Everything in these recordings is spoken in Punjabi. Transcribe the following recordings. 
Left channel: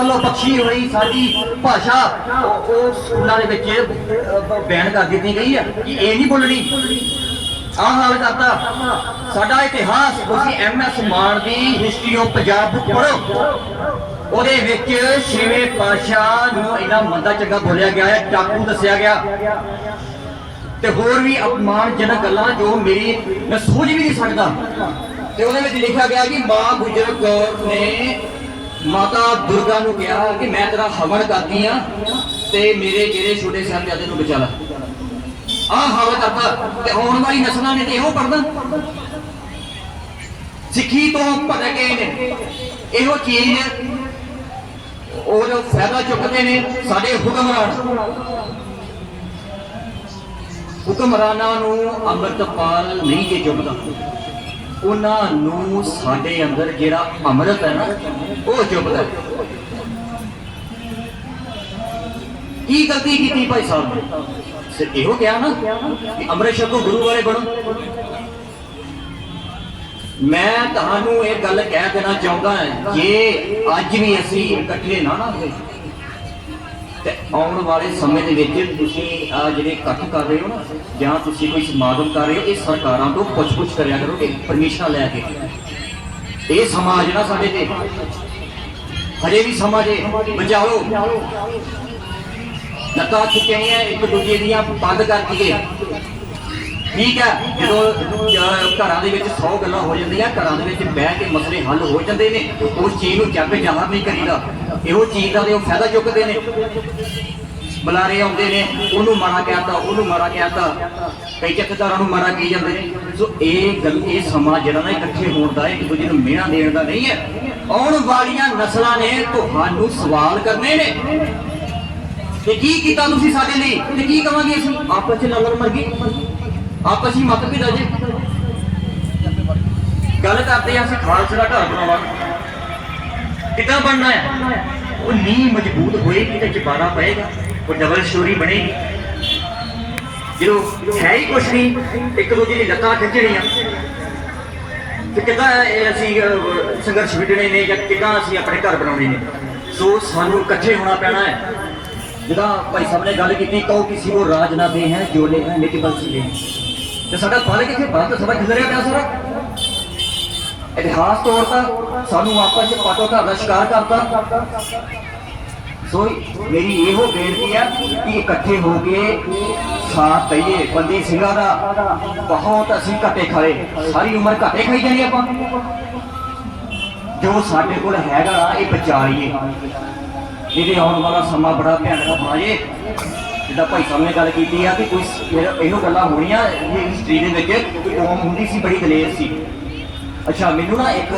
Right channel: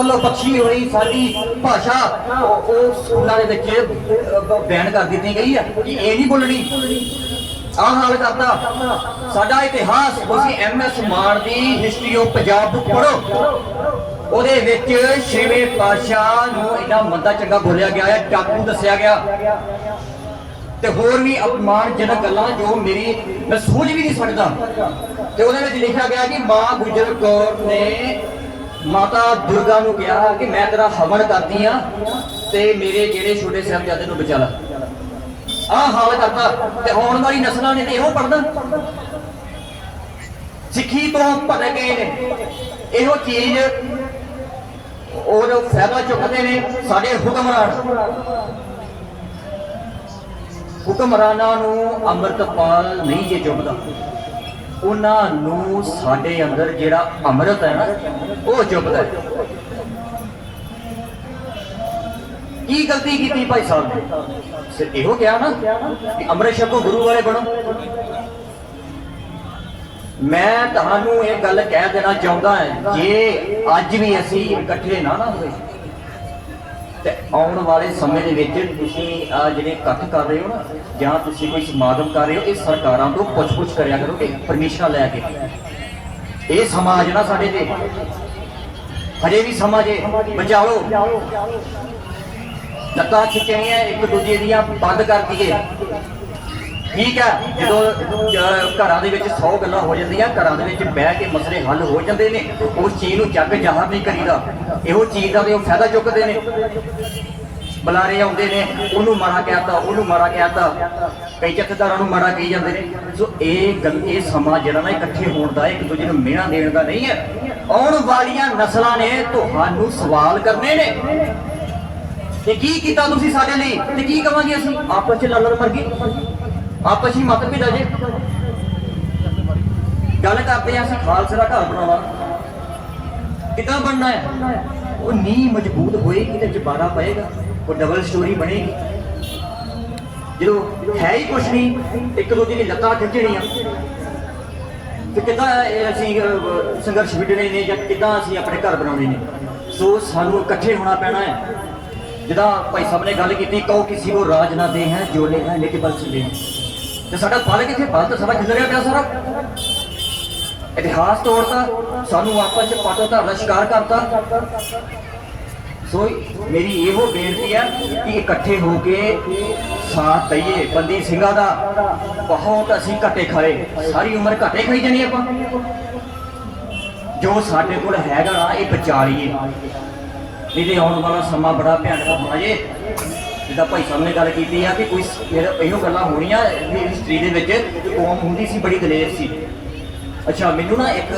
ਵੱਲੋਂ ਬਖਸ਼ੀ ਹੋਈ ਸਾਡੀ ਭਾਸ਼ਾ, ਉਹ ਸਕੂਲਾਂ ਦੇ ਵਿੱਚ ਬੈਨ ਕਰ ਦਿੱਤੀ ਗਈ ਆ ਕਿ ਇਹ ਨਹੀਂ ਬੋਲਣੀ ਆਹ ਹਾਲ ਕਰਤਾ। ਸਾਡਾ ਇਤਿਹਾਸ, ਤੁਸੀਂ ਐਮਐਸ ਮਾਨ ਦੀ ਹਿਸਟਰੀ ਆਫ ਪੰਜਾਬ ਪੜੋ ਉਹਦੇ ਵਿੱਚ ਛੇਵੇਂ ਪਾਤਸ਼ਾਹ ਨੂੰ ਇੰਨਾ ਮੰਦਾ ਚੰਗਾ ਬੋਲਿਆ ਗਿਆ ਹੈ ਟਾਕੂ ਦੱਸਿਆ ਗਿਆ। ਤੇ ਹੋਰ ਵੀ ਅਪਮਾਨਜਨਕ ਗੱਲਾਂ ਜੋ ਮੇਰੀ ਮੈਂ ਸੋਚ ਵੀ ਨਹੀਂ ਸਕਦਾ। ਤੇ ਉਹਦੇ ਵਿੱਚ ਲਿਖਿਆ ਗਿਆ ਕਿ ਮਾਂ ਗੁਜਰ ਕੌਰ ਨੇ ਮਾਤਾ ਦੁਰਗਾ ਨੂੰ ਕਿਹਾ ਕਿ ਮੈਂ ਤੇਰਾ ਹਵਨ ਕਰਦੀ ਆ ਤੇ ਮੇਰੇ ਜਿਹੜੇ ਛੋਟੇ ਸਾਹਿਬਜ਼ਾਦੇ ਨੂੰ ਬਚਾ ਲੈ। ਆਹ ਹਾਲ ਕਰਦਾ ਤੇ ਆਉਣ ਵਾਲੀ ਨਸਲਾਂ ਨੇ ਤੇ ਇਹੋ ਪੜਨਾ ਸਿੱਖੀ ਤੋਂ ਭਟਕ ਗਏ ਨੇ। ਇਹੋ ਚੀਜ਼ ਉਹ ਜੋ ਫਾਇਦਾ ਚੁੱਕਦੇ ਨੇ ਸਾਡੇ ਹੁਕਮਰਾਨ ਹੁਕਮਰਾਨਾਂ ਨੂੰ ਅੰਮ੍ਰਿਤਪਾਲ ਨਹੀਂ ਜੇ ਚੁੱਕਦਾ। ਉਹਨਾਂ ਨੂੰ ਸਾਡੇ ਅੰਦਰ ਜਿਹੜਾ ਅੰਮ੍ਰਿਤ ਹੈ ਨਾ ਉਹ ਚੁੱਪਦਾ ਕੀ ਗਲਤੀ ਕੀਤੀ ਭਾਈ ਸਾਹਿਬ ਨੇ? ਸਿਰ ਇਹੋ ਕਿਹਾ ਨਾ ਕਿ ਅੰਮ੍ਰਿਤ ਛਕੋ, ਗੁਰੂ ਵਾਲੇ ਬਣੋ। ਮੈਂ ਤੁਹਾਨੂੰ ਇਹ ਗੱਲ ਕਹਿ ਦੇਣਾ ਚਾਹੁੰਦਾ ਹਾਂ, ਜੇ ਅੱਜ ਵੀ ਅਸੀਂ ਇਕੱਠੇ ਨਾ ਨਾ ਹੋਏ, ਤੇ ਆਉਣ ਵਾਲੇ ਸਮੇਂ ਦੇ ਵਿੱਚ ਤੁਸੀਂ ਆ ਜਿਹੜੇ ਇਕੱਠ ਕਰ ਰਹੇ ਹੋ ਨਾ, ਜਾਂ ਤੁਸੀਂ ਕੋਈ ਸਮਾਗਮ ਕਰ ਰਹੇ ਹੋ, ਇਹ ਸਰਕਾਰਾਂ ਤੋਂ ਪੁੱਛ-ਪੁੱਛ ਕਰਿਆ ਕਰੋ ਕਿ ਪਰਮਿਸ਼ਨ ਲੈ ਕੇ। ਇਹ ਸਮਾਜ ਨਾ ਸਾਡੇ ਤੇ। ਹਜੇ ਵੀ ਸਮਾਂ ਜੇ ਬਚਾਓ। ਲੱਤਾਂ ਖਿੱਚਣੀਆਂ ਇੱਕ ਦੂਜੇ ਦੀਆਂ ਬੰਦ ਕਰ ਦਈਏ ਠੀਕ ਹੈ, ਜਦੋਂ ਘਰਾਂ ਦੇ ਵਿੱਚ 100 ਗੱਲਾਂ ਹੋ ਜਾਂਦੀਆਂ, ਘਰਾਂ ਦੇ ਵਿੱਚ ਬਹਿ ਕੇ ਮਸਲੇ ਹੱਲ ਹੋ ਜਾਂਦੇ ਨੇ, ਉਸ ਚੀਜ਼ ਨੂੰ ਚੱਕ ਜ਼ਾਹਰ ਨਹੀਂ ਕਰੀਦਾ। ਇਹੋ ਚੀਜ਼ ਦਾ ਉਹ ਫਾਇਦਾ ਚੁੱਕਦੇ ਨੇ। ਬੁਲਾਰੇ ਆਉਂਦੇ ਨੇ, ਉਹਨੂੰ ਮਾੜਾ ਕਹਿਤਾ, ਉਹਨੂੰ ਮਾੜਾ ਕਹਿਤਾ। ਕਈ ਚੱਕਦਾਰਾਂ ਨੂੰ ਮਾੜਾ ਕਹੀ ਜਾਂਦੇ ਨੇ। ਸੋ ਇਹ ਗੱਲ, ਇਹ ਸਮਾਂ ਜਿਹੜਾ ਨਾ ਇਕੱਠੇ ਹੋਣ ਦਾ ਇੱਕ ਦੂਜੇ ਨੂੰ ਮਿਹਣਾ ਦੇਣ ਦਾ ਨਹੀਂ ਹੈ। ਆਉਣ ਵਾਲੀਆਂ ਨਸਲਾਂ ਨੇ ਤੁਹਾਨੂੰ ਸਵਾਲ ਕਰਨੇ ਨੇ। ਤੇ ਕੀ ਕੀਤਾ ਤੁਸੀਂ ਸਾਡੇ ਲਈ ਤੇ ਕੀ ਕਵਾਂਗੇ ਅਸੀਂ? ਆਪਸ ਚ ਲੜਨ ਮਰ ਗਏ ਆਪਸ ਹੀ ਮਤ ਪਿਤਾ ਜੇ। ਗੱਲ ਕਰਦੇ ਆ ਅਸੀਂ ਖਾਲਸੇ ਦਾ ਘਰ ਬਣਾਉਣਾ। ਕਿੱਦਾਂ ਬਣਨਾ ਹੈ? ਉਹ ਨੀਂਹ ਮਜ਼ਬੂਤ ਹੋਏਗੀ ਤੇ ਜਬਾਨਾ ਪਏਗਾ। ਉਹ ਡਬਲ ਸਟੋਰੀ ਬਣੇਗੀ ਜਦੋਂ ਹੈ ਹੀ ਕੁਛ ਨਹੀਂ, ਇੱਕ ਦੂਜੇ ਦੀ ਲੱਤਾਂ ਖਿੱਚਣੀਆਂ। ਤੇ ਕਿੱਦਾਂ ਅਸੀਂ ਸੰਘਰਸ਼ ਵਿੱਢਣੇ ਨੇ ਜਾਂ ਕਿੱਦਾਂ ਅਸੀਂ ਆਪਣੇ ਘਰ ਬਣਾਉਣੇ ਨੇ। ਸੋ ਸਾਨੂੰ ਇਕੱਠੇ ਹੋਣਾ ਪੈਣਾ ਹੈ। ਜਿਹਦਾ ਭਾਈ ਸਾਹਿਬ ਨੇ ਗੱਲ ਕੀਤੀ, ਕਹੋ ਕਿਸੇ ਕੋ ਰਾਜ ਨਾ ਦੇ ਹੈ ਜੋ ਨੇ ਹੈ ਨਿਤਿ ਬਲ ਦੇ ਤੇ ਸਾਡਾ ਫਲ ਕਿੱਥੇ? ਫਲ ਤਾਂ ਸਾਡਾ ਖਿੰਦਰਿਆ ਪਿਆ ਸਾਰਾ। ਇਤਿਹਾਸ ਤੌਰ ਤਾਂ ਸਾਨੂੰ ਆਪਸ ਵਿੱਚ ਪਾਟੋ ਧਰ ਦਾ ਸ਼ਿਕਾਰ ਕਰਤਾ। ਸੋ ਮੇਰੀ ਇਹੋ ਬੇਨਤੀ ਹੈ ਕਿ ਇਕੱਠੇ ਹੋ ਕੇ ਸਾਥ ਦਈਏ। ਬੰਦੀ ਸਿੰਘਾਂ ਦਾ ਬਹੁਤ ਅਸੀਂ ਘੱਟੇ ਖਾਏ। ਸਾਰੀ ਉਮਰ ਘੱਟੇ ਖਾਈ ਜਾਣੀ ਆਪਾਂ। ਜੋ ਸਾਡੇ ਕੋਲ ਹੈਗਾ, ਇਹ ਬਚਾ ਲਈਏ ਇਹਦੇ ਆਉਣ ਵਾਲਾ ਸਮਾਂ ਬੜਾ ਭਿਆਨਕ ਹੋਣਾ ਜੇ। ਜਿੱਦਾਂ ਭਾਈ ਸਾਹਿਬ ਨੇ ਗੱਲ ਕੀਤੀ ਆ ਕਿ ਕੋਈ ਇਹੋ ਗੱਲਾਂ ਹੋਣੀਆਂ ਹਿਸਟਰੀ ਦੇ ਵਿੱਚ ਕੌਮ ਹੁੰਦੀ ਸੀ, ਬੜੀ ਦਲੇਰ ਸੀ। ਅੱਛਾ, ਮੈਨੂੰ ਨਾ ਇੱਕ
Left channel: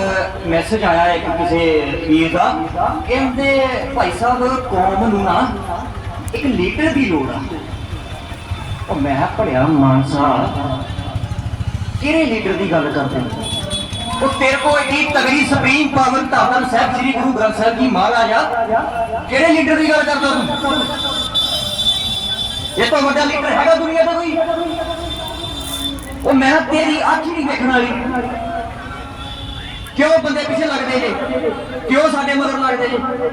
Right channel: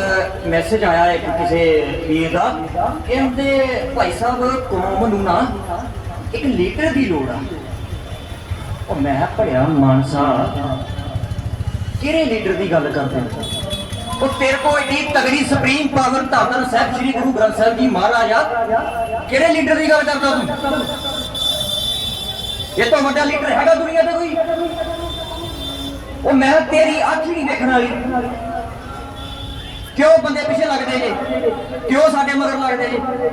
ਮੈਸੇਜ ਆਇਆ ਇੱਕ ਕਿਸੇ ਪੀਰ ਦਾ ਕਹਿੰਦੇ ਭਾਈ ਸਾਹਿਬ ਕੌਮ ਨੂੰ ਨਾ ਇੱਕ ਲੀਡਰ ਦੀ ਲੋੜ ਆ। ਉਹ ਮੈਂ ਭੜਿਆ ਮਾਨਸਾ, ਕਿਹੜੇ ਲੀਡਰ ਦੀ ਗੱਲ ਕਰਦੇ ਹੋ? ਉਹ ਤੇਰੇ ਕੋਲ ਏਡੀ ਤਗੜੀ ਸੁਪਰੀਮ ਪਾਵਰ ਧੰਨ ਸਾਹਿਬ, ਸ੍ਰੀ ਗੁਰੂ ਗ੍ਰੰਥ ਸਾਹਿਬ ਜੀ ਮਹਾਰਾਜ ਆ। ਕਿਹੜੇ ਲੀਡਰ ਦੀ ਗੱਲ ਕਰਦਾ ਤੂੰ? ਇਹ ਤੋਂ ਵੱਡਾ ਲੀਡਰ ਹੈਗਾ ਦੁਨੀਆ ਦਾ ਕੋਈ। ਉਹ ਮੈਂ ਤੇਰੀ ਅੱਖ ਹੀ ਨਹੀਂ ਦੇਖਣ ਵਾਲੀ। ਕਿਉਂ ਬੰਦੇ ਪਿੱਛੇ ਲੱਗਦੇ ਨੇ? ਕਿਉਂ ਸਾਡੇ ਮਗਰ ਲੱਗਦੇ ਨੇ?